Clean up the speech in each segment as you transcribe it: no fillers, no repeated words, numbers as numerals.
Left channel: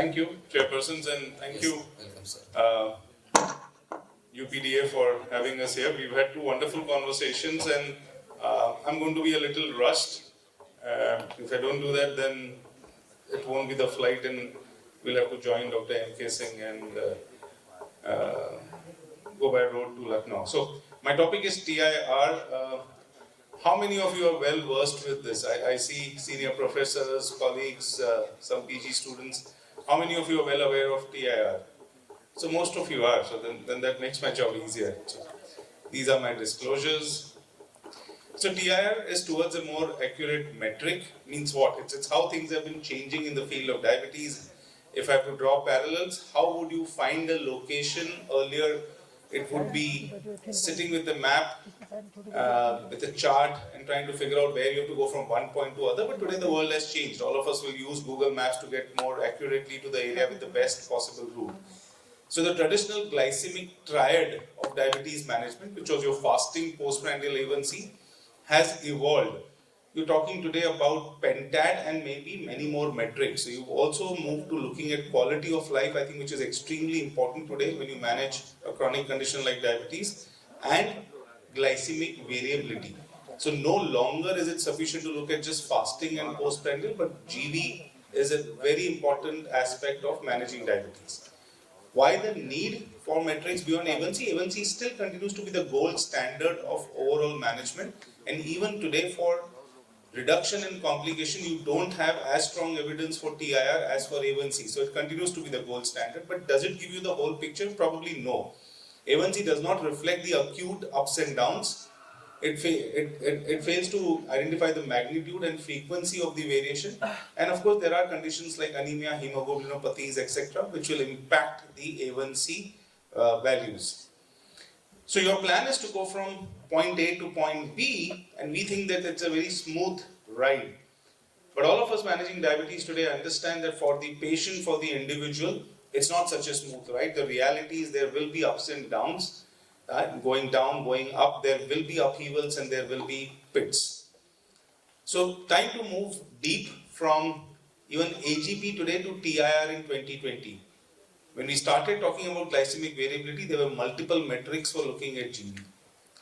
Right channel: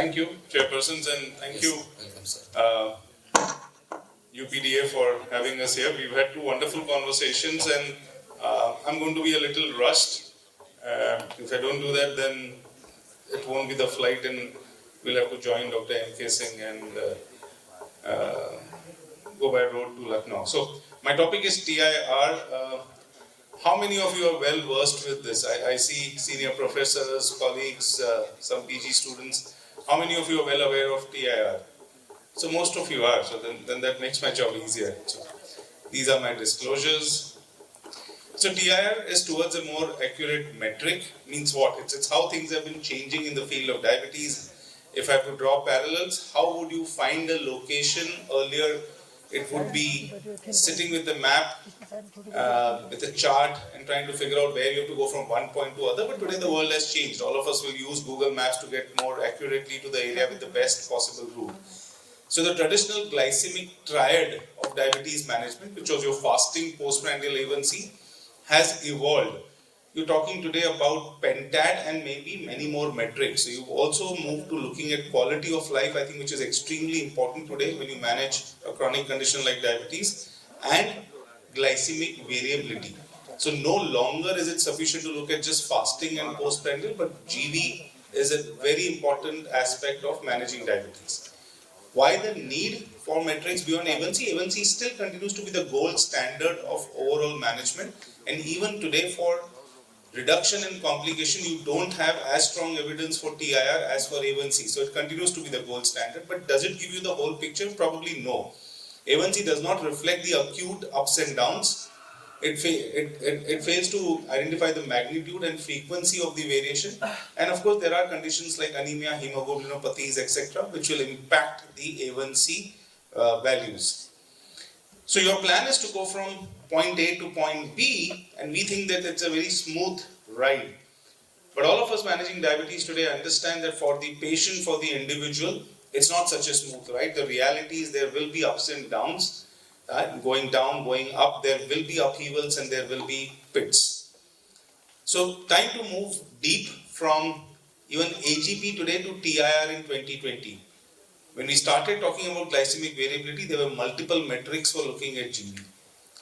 Thank you, chairpersons, and thank you, Welcome, sir. UPDA, for having us here. We've had two wonderful conversations, and I'm going to be a little rushed. If I don't do that, then it won't be the flight, and we'll have to join Dr. M.K. Singh and go by road to Lucknow. So my topic is TIR. How many of you are well versed with this? I see senior professors, colleagues, some PG students. How many of you are well aware of TIR? So most of you are, so then that makes my job easier. So these are my disclosures. So TIR is towards a more accurate metric. Means what? It's how things have been changing in the field of diabetes. If I have to draw parallels, how would you find a location? Earlier, it would be sitting with the map, with a chart, and trying to figure out where you have to go from one point to other. But today the world has changed. All of us will use Google Maps to get more accurately to the area with the best possible route. So the traditional glycemic triad of diabetes management, which was your fasting, postprandial A1C, has evolved. You're talking today about pentad and maybe many more metrics. So you've also moved to looking at quality of life, I think, which is extremely important today when you manage a chronic condition like diabetes, and glycemic variability. So no longer is it sufficient to look at just fasting and postprandial, but GV is a very important aspect of managing diabetes. Why the need for metrics beyond A1C? A1C still continues to be the gold standard of overall management, and even today for reduction in complication, you don't have as strong evidence for TIR as for A1C. So it continues to be the gold standard, but does it give you the whole picture? Probably no. A1C does not reflect the acute ups and downs. It fails to identify the magnitude and frequency of the variation. And of course, there are conditions like anemia, hemoglobinopathies, etc., which will impact the A1C values. So your plan is to go from point A to point B, and we think that it's a very smooth ride. But all of us managing diabetes today understand that for the patient, for the individual, it's not such a smooth ride. The reality is there will be ups and downs. Going down, going up, there will be upheavals and there will be pits. So time to move deep from even AGP today to TIR in 2020. When we started talking about glycemic variability, there were multiple metrics for looking at GV.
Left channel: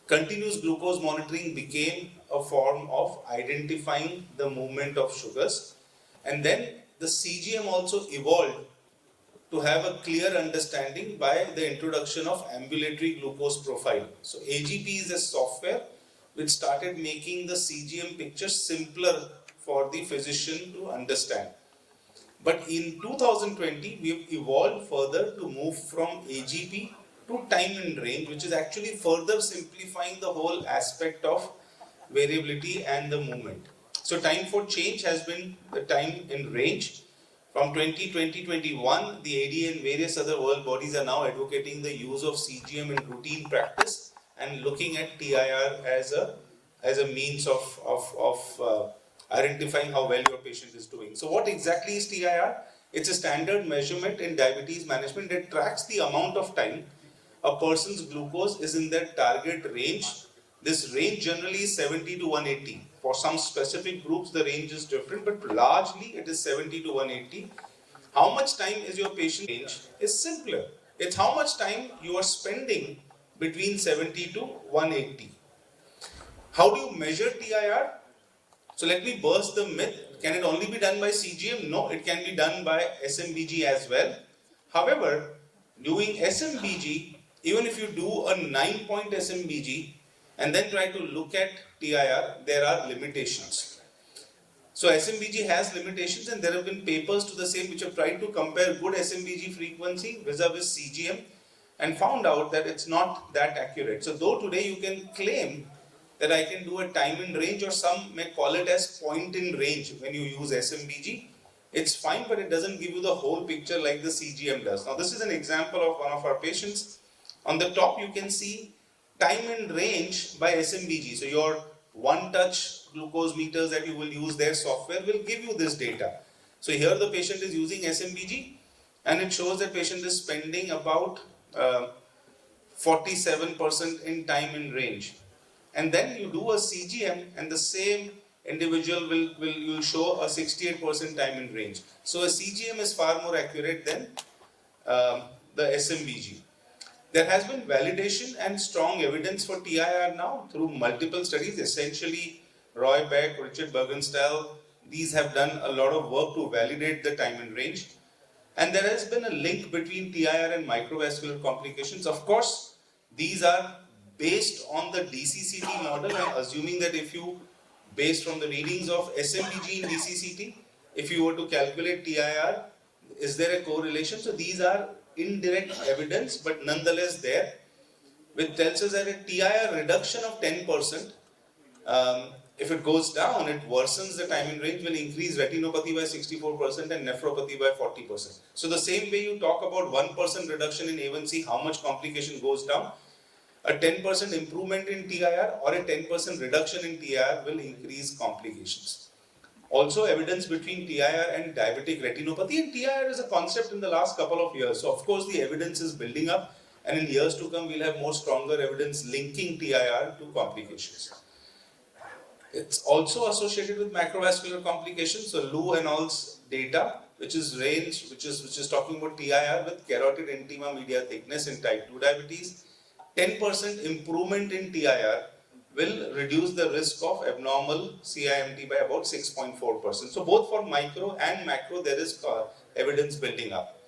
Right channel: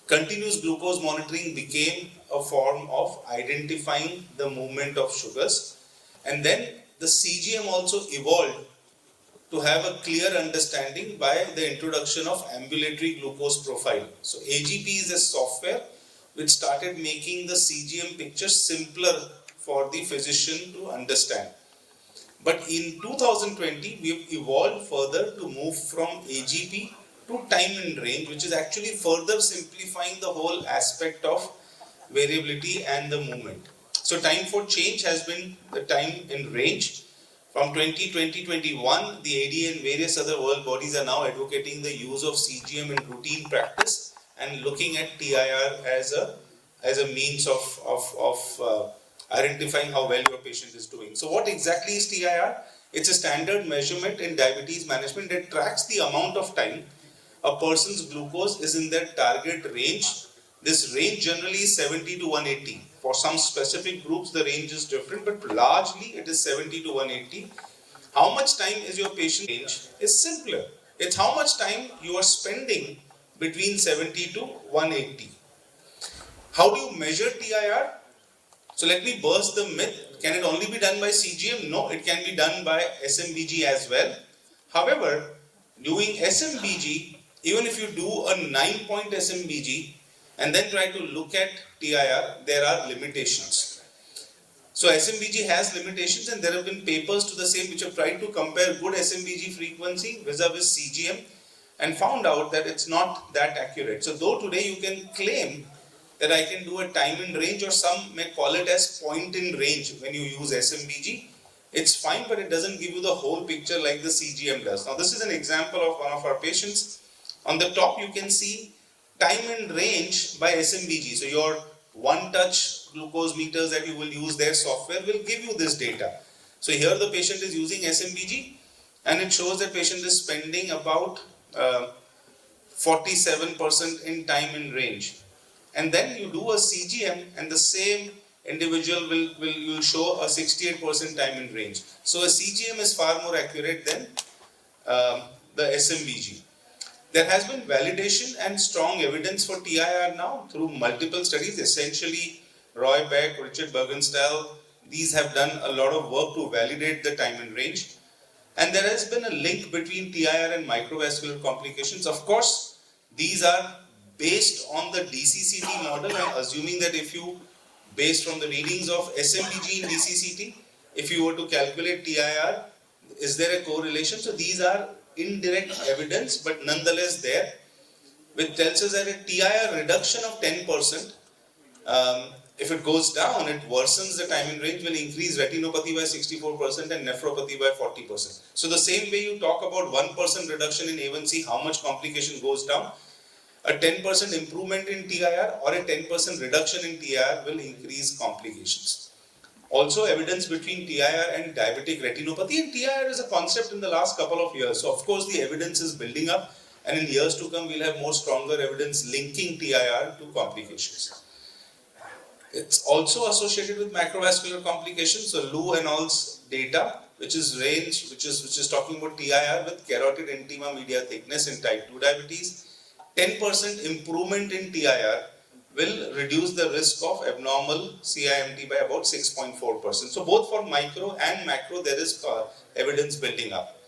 Continuous glucose monitoring became a form of identifying the movement of sugars, and then the CGM also evolved to have a clear understanding by the introduction of ambulatory glucose profile. So AGP is a software which started making the CGM picture simpler for the physician to understand. But in 2020, we have evolved further to move from AGP to time in range, which is actually further simplifying the whole aspect of variability and the movement. So time for change has been the time in range. From 2020-21, the ADA and various other world bodies are now advocating the use of CGM in routine practice and looking at TIR as a means of identifying how well your patient is doing. So what exactly is TIR? It's a standard measurement in diabetes management that tracks the amount of time a person's glucose is in their target range. This range generally is 70 to 180. For some specific groups, the range is different, but largely it is 70 to 180. How much time is your patient range is simpler. It's how much time you are spending between 70 to 180. How do you measure TIR? So let me burst the myth. Can it only be done by CGM? No, it can be done by SMBG as well. However, doing SMBG, even if you do a 9-point SMBG and then try to look at TIR, there are limitations. So SMBG has limitations, and there have been papers to the same which have tried to compare good SMBG frequency vis-a-vis CGM and found out that it's not that accurate. So though today you can claim that I can do a time in range, or some may call it as point in range when you use SMBG, it's fine, but it doesn't give you the whole picture like the CGM does. Now this is an example of one of our patients. On the top you can see time in range by SMBG. So your one-touch glucose meters that you will use, their software will give you this data. So here the patient is using SMBG, and it shows that patient is spending about 47% in time in range. And then you do a CGM and the same individual will show a 68% time in range. So a CGM is far more accurate than the SMBG. There has been validation and strong evidence for TIR now through multiple studies, essentially Roy Beck, Richard Bergenstahl, these have done a lot of work to validate the time in range. And there has been a link between TIR and microvascular complications. Of course, these are based on the DCCT model and assuming that if you, based from the readings of SMBG in DCCT, if you were to calculate TIR, is there a correlation? So these are indirect evidence, but nonetheless there, which tells us that a TIR reduction of 10%, if it goes down, it worsens the time in range, will increase retinopathy by 64% and nephropathy by 40%. So the same way you talk about 1% reduction in A1C, how much complication goes down, a 10% improvement in TIR or a 10% reduction in TIR will increase complications. Also, evidence between TIR and diabetic retinopathy, and TIR is a concept in the last couple of years. So of course the evidence is building up, and in years to come we'll have more stronger evidence linking TIR to complications. It's also associated with macrovascular complications. So Lu and all's data, which is talking about TIR with carotid intima media thickness in type 2 diabetes, 10% improvement in TIR will reduce the risk of abnormal CIMT by about 6.4%. So both for micro and macro there is evidence building up.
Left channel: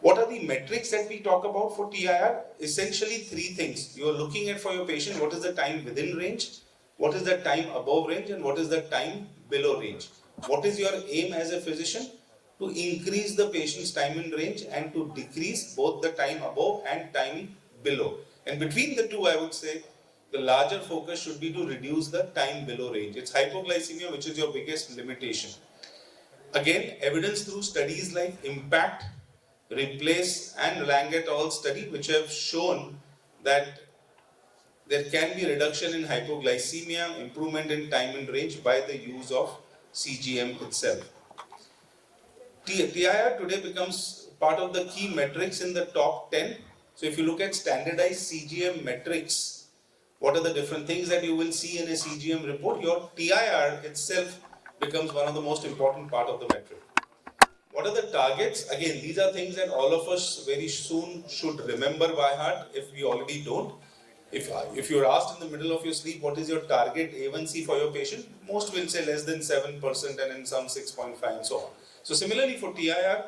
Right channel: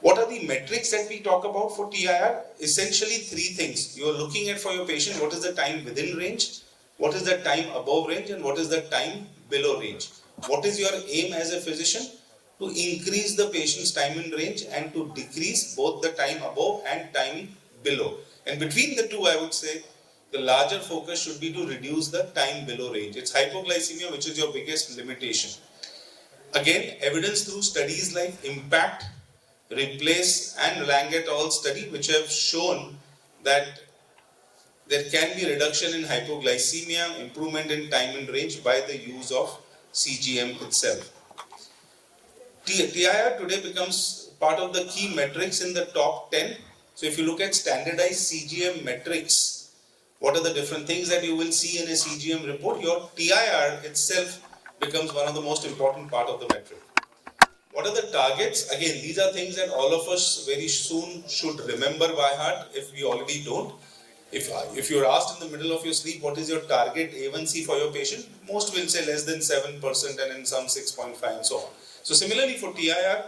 What are the metrics that we talk about for TIR? Essentially three things. You are looking at for your patient, what is the time within range, what is the time above range, and what is the time below range. What is your aim as a physician? To increase the patient's time in range and to decrease both the time above and time below. And between the two, I would say the larger focus should be to reduce the time below range. It's hypoglycemia which is your biggest limitation. Again, evidence through studies like IMPACT, REPLACE and Lang et al. Study which have shown that there can be reduction in hypoglycemia, improvement in time in range by the use of CGM itself. TIR today becomes part of the key metrics in the top 10. So if you look at standardized CGM metrics, what are the different things that you will see in a CGM report? Your TIR itself becomes one of the most important part of the metric. What are the targets? Again, these are things that all of us very soon should remember by heart if we already don't. If you're asked in the middle of your sleep, what is your target A1C for your patient? Most will say less than 7% and in some 6.5 and so on. So similarly for TIR,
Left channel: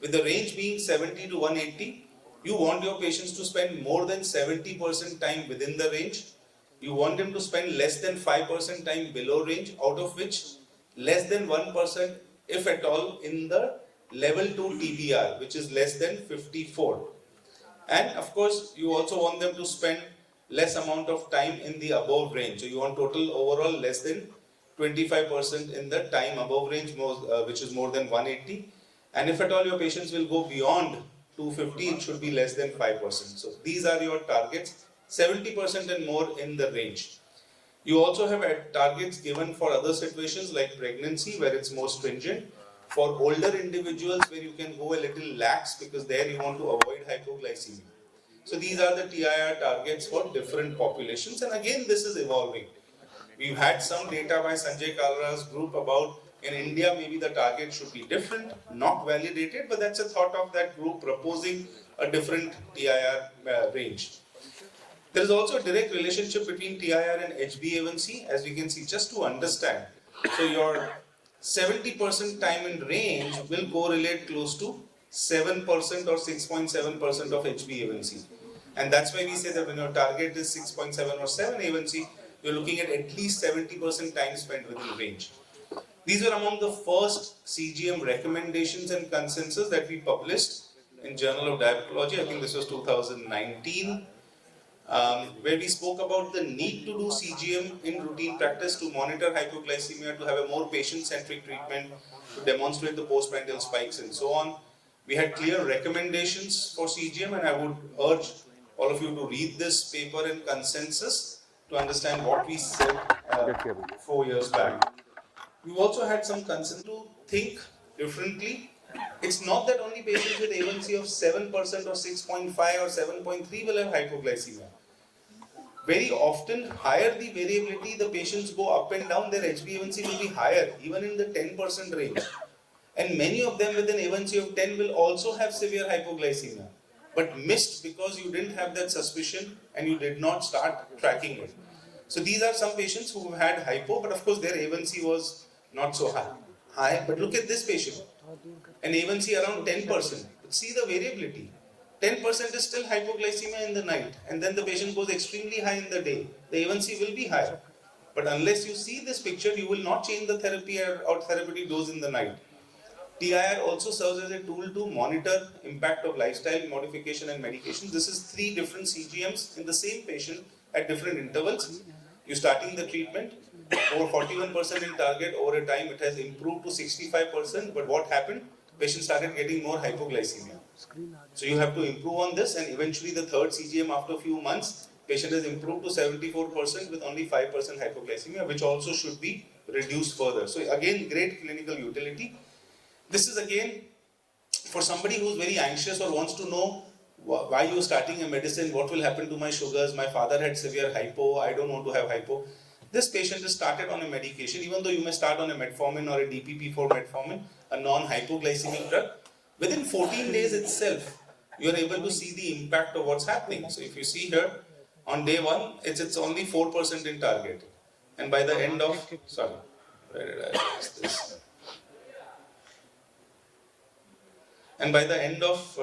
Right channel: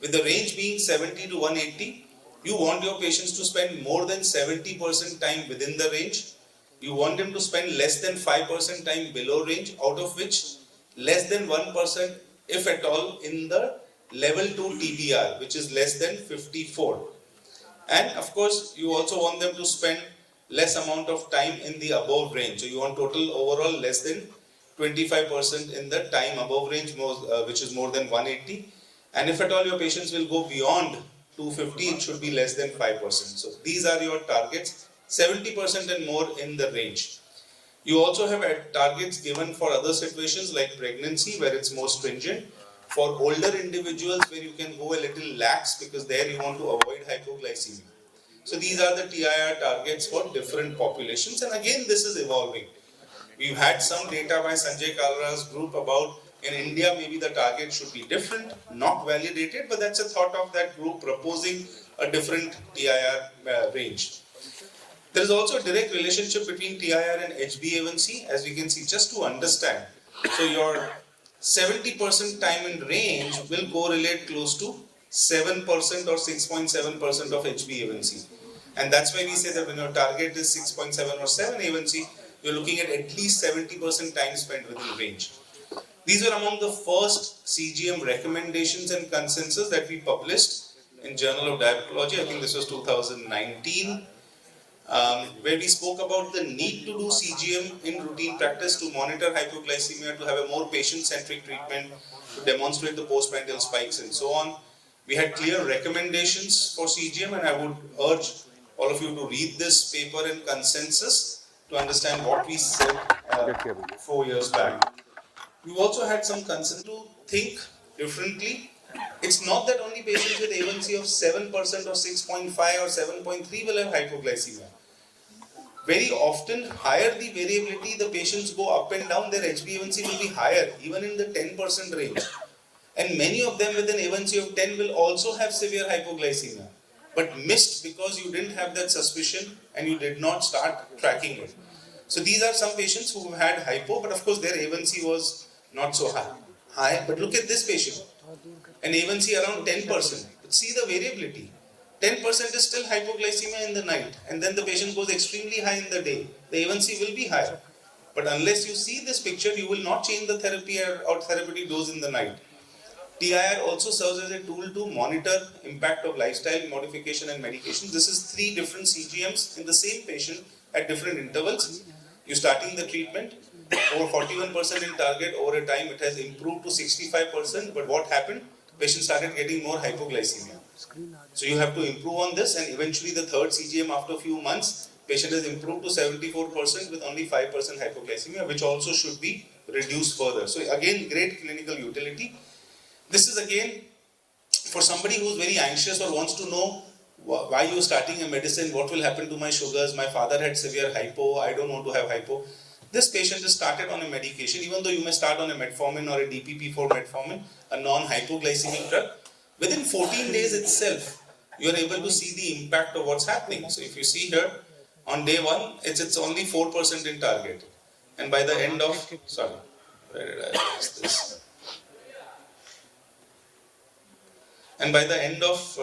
with the range being 70 to 180, you want your patients to spend more than 70% time within the range. You want them to spend less than 5% time below range, out of which less than 1%, if at all, in the level 2 TBR, which is less than 54. And of course, you also want them to spend less amount of time in the above range. So you want total overall less than 25% in the time above range, which is more than 180. And if at all your patients will go beyond 250, it should be less than 5%. So these are your targets, 70% and more in the range. You also have targets given for other situations like pregnancy, where it's more stringent. For older individuals, where you can go a little lax because there you want to avoid hypoglycemia. So these are the TIR targets for different populations, and again this is evolving. We've had some data by Sanjay Kalra's group about in India maybe the target should be different, not validated, but that's a thought of that group proposing a different TIR range. There is also a direct relationship between TIR and HbA1c, as we can see, just to understand. So your 70% time in range will correlate close to 7% or 6.7% of HbA1c. And that's why we say that when your target is 6.7 or 7 A1c, you're looking at least 70% time spent within range. These were among the first CGM recommendations and consensus that we published in Journal of Diabetology. I think this was 2019, where we spoke about the need to do CGM in routine practice to monitor hypoglycemia, to have a more patient-centric treatment, to demonstrate the postprandial spikes and so on. We had clear recommendations for CGM, and I would urge all of you to read this paper and consensus to understand what we said 4 years back. We've also had some consensus to think differently. It's not that only patients with A1C of 7% or 6.5 or 7.3 will have hypoglycemia. Very often, higher the variability, the patients go up and down, their HbA1c will be higher, even in the 10% range. And many of them with an A1C of 10 will also have severe hypoglycemia, but missed because you didn't have that suspicion and you did not start tracking it. So these are some patients who had hypo, but of course their A1C was not so high. But look at this patient, an A1C around 10%. But see the variability. 10% is still hypoglycemia in the night, and then the patient goes extremely high in the day. The A1C will be high. But unless you see this picture, you will not change the therapy or therapeutic dose in the night. TIR also serves as a tool to monitor impact of lifestyle modification and medication. This is 3 different CGMs in the same patient at different intervals. You starting the treatment, over 41% in target, over a time it has improved to 65%, but what happened? Patient started getting more hypoglycemia. So you have to improve on this, and eventually the third CGM after a few months, patient has improved to 74% with only 5% hypoglycemia, which also should be reduced further. So again, great clinical utility. This is again for somebody who's very anxious or wants to know why you're starting a medicine, what will happen to my sugars, my father had severe hypo, I don't want to have hypo. This patient is started on a medication, even though you may start on a metformin or a DPP-4 metformin, a non-hypoglycemic drug. Within 14 days itself, you are able to see the impact of what's happening. So if you see here, on day 1, it's only 4% in target. And by the end of, sorry, where did I erase this? And by the end of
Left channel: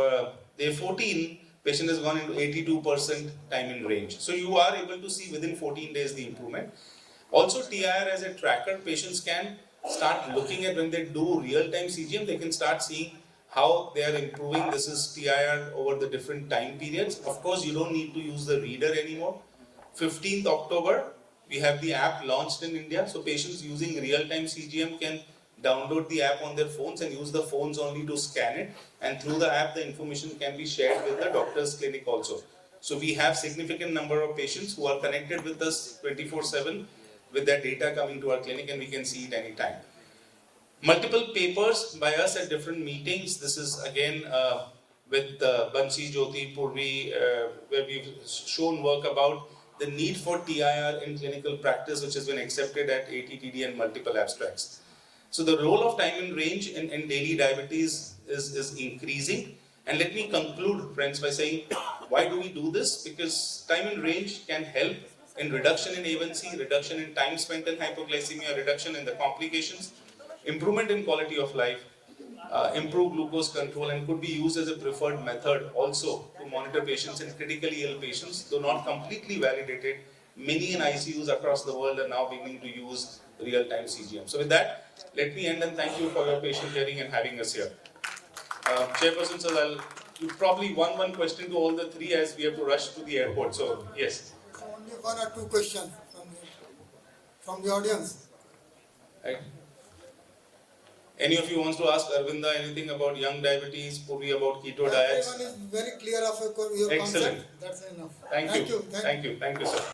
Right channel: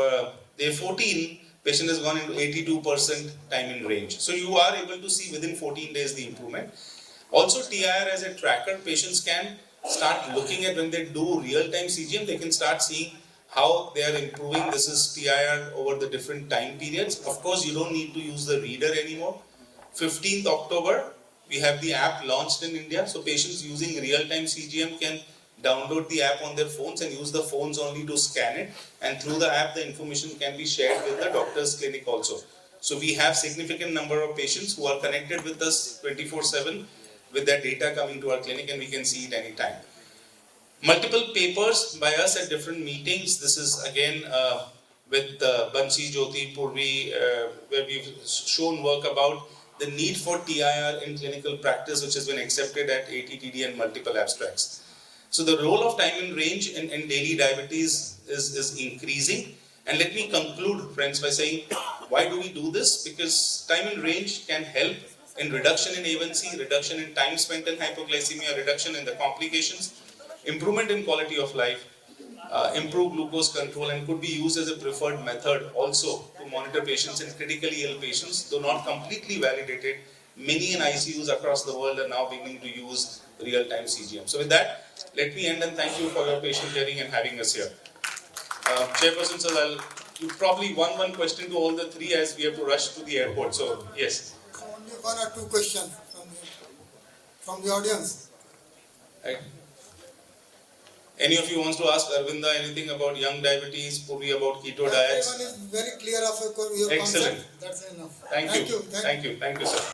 day 14, patient has gone into 82% time in range. So you are able to see within 14 days the improvement. Also, TIR as a tracker, patients can start looking at when they do real-time CGM, they can start seeing how they are improving. This is TIR over the different time periods. Of course, you don't need to use the reader anymore. 15th October, we have the app launched in India. So patients using real-time CGM can download the app on their phones and use the phones only to scan it, and through the app the information can be shared with the doctor's clinic also. So we have significant number of patients who are connected with us 24/7 with their data coming to our clinic, and we can see it anytime. Multiple papers by us at different meetings. This is again with Bansi, Jyoti, Purvi, where we've shown work about the need for TIR in clinical practice, which has been accepted at ATTD and multiple abstracts. So the role of time in range in daily diabetes is increasing. And let me conclude, friends, by saying, why do we do this? Because time in range can help in reduction in A1C, reduction in time spent in hypoglycemia, reduction in the complications, improvement in quality of life, improve glucose control, and could be used as a preferred method also to monitor patients in critically ill patients, though not completely validated. Many in ICUs across the world are now beginning to use real-time CGM. So with that, let me end and thank you for your patient hearing and having us here. Chairperson, sir, you probably one question to all the 3 as we have to rush to the airport. So yes. Only 1 or 2 questions from the audience. Right. Any of you wants to ask Arvinda anything about young diabetes, Purvi about keto diets? Everyone is very clear of your Excellent. concept. That's enough. Thank you. Thank you, sir.